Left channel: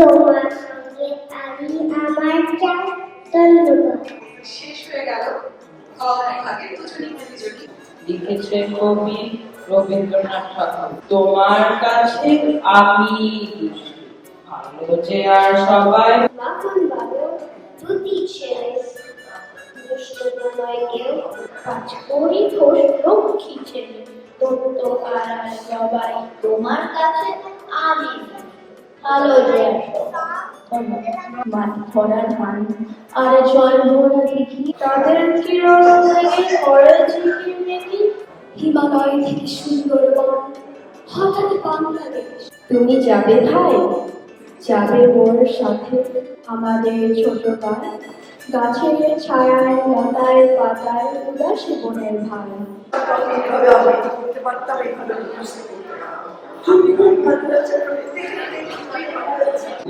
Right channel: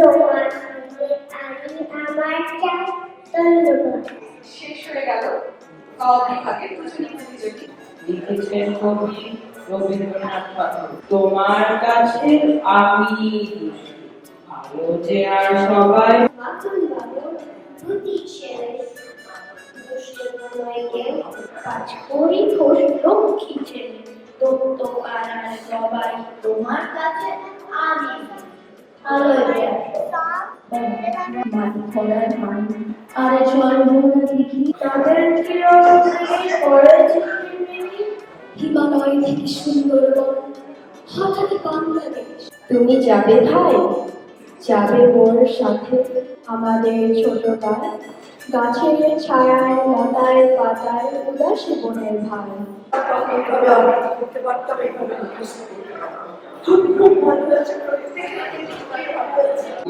তোমার সঙ্গে আমি আমার চাই। ধন্যবাদ। শেষ হয়ে গেল বিভাগের দুজনই প্রতিযোগী। লিখেছেন কবি রবীন্দ্রনাথ ঠাকুর। তোমার কাছে আমি দুষ্টু, আলো যে আর সবাই। মাখন বাবু দুটি ছেলে, দুষ্ট নয় কেউ, কাজ করি খোশ লক্ষ্মী ছেলে, দত্ত পাড়ার সবাই। তোমার কাছে আমি আলো যে আর মাটি খোলার ধান আর জল ভরা দেখি, তাদের কিরণ থেকে পড়ে ঝিকির দেখি, হিমালয় থেকে সুন্দরবন হঠাৎ বাংলাদেশ। তুমি যাবে ভাই, যাবে ওর সাথে আমাদের ছোট গাছ, গাছের ছায়ায় লতায় পাতায় উদাসী বনের ভাই।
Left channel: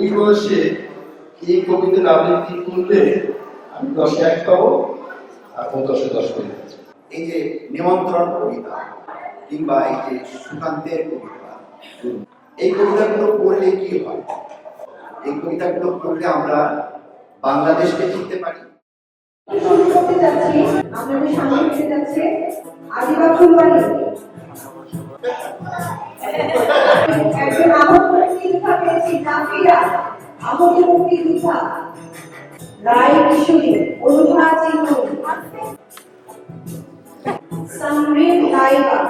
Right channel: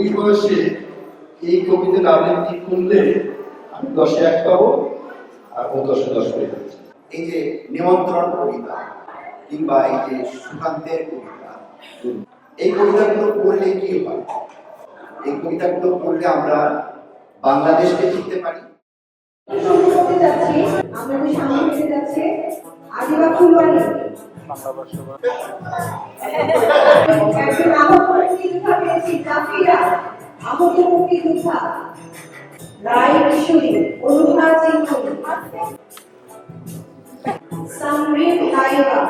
এই বয়সে এই কবিতার আবৃত্তি করলে আমি 10-এ 1 পাবো আর ও 10-এ 10 পেয়ে যাচ্ছে। এই যে নিমন্ত্রণ কবিতা কিংবা এই যে সুকান্তের কবিতা, এই কবিতাগুলো পড়লে কি হয়? এই কবিতাগুলো পড়লে আমরা বাংলাদেশকে চিনতে পারি। আমাদের সামনে এসে যাচ্ছে আজিবা ফুলবাড়ি, একজন আহত মুক্তিযোদ্ধা পেয়েছি, কাফিরা আহত মুক্তিযোদ্ধা, রায় কিশোরী, অরুণা চিন্নু, সামরিন নাইবা,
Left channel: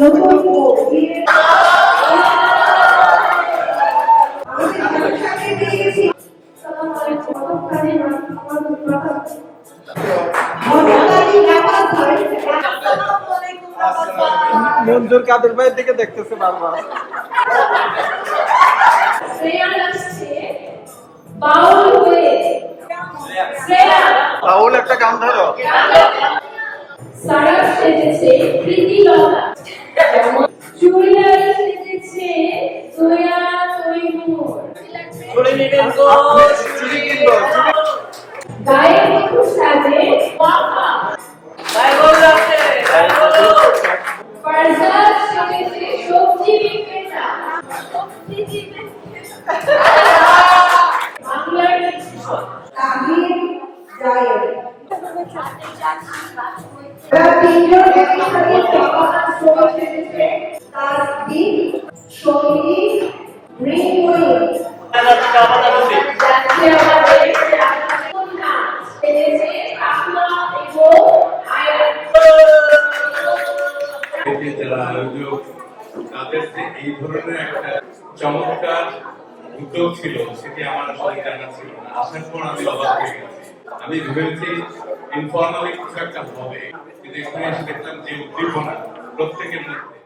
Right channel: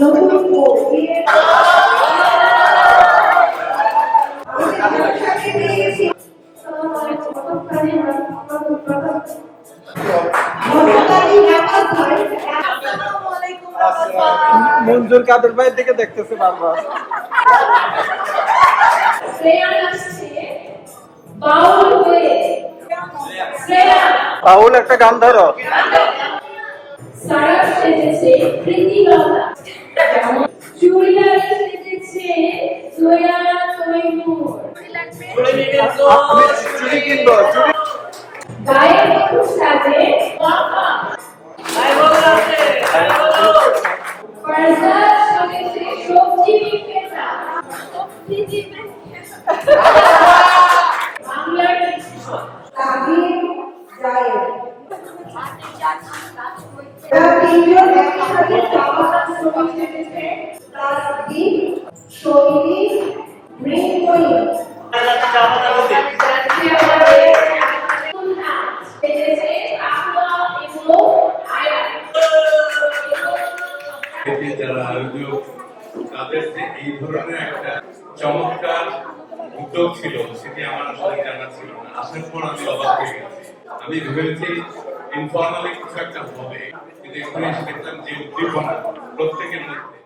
নতুন মঞ্জুর কাদের ভাইয়ের দিকে দেখতেছে বারবার। বাউল একটা গান ধরো। সারা সেজেছে প্রীতিলতা, চুড়িদার সেজেছে সোয়া তৈমুর, চুড়ি কিনবো। গায়ে একটু সাজে বাবা, ফারজাদ সেজেছে সবজি বিক্রেতা, বাংলার তাহির জায়েদ। যারা আয়োজক তাদের যে এই ধরনের একটা চমৎকার উদ্যোগ ছিল সেটি আমার আসলে জানা ছিল না। আসার পর আমি অবাক হয়ে গেছি। আমি ভেবেছি ইনফর্মালি কিছু একটা হবে, কিন্তু এখানে এসে দেখলাম যে উদ্দীপনা প্রত্যেকের মধ্যে।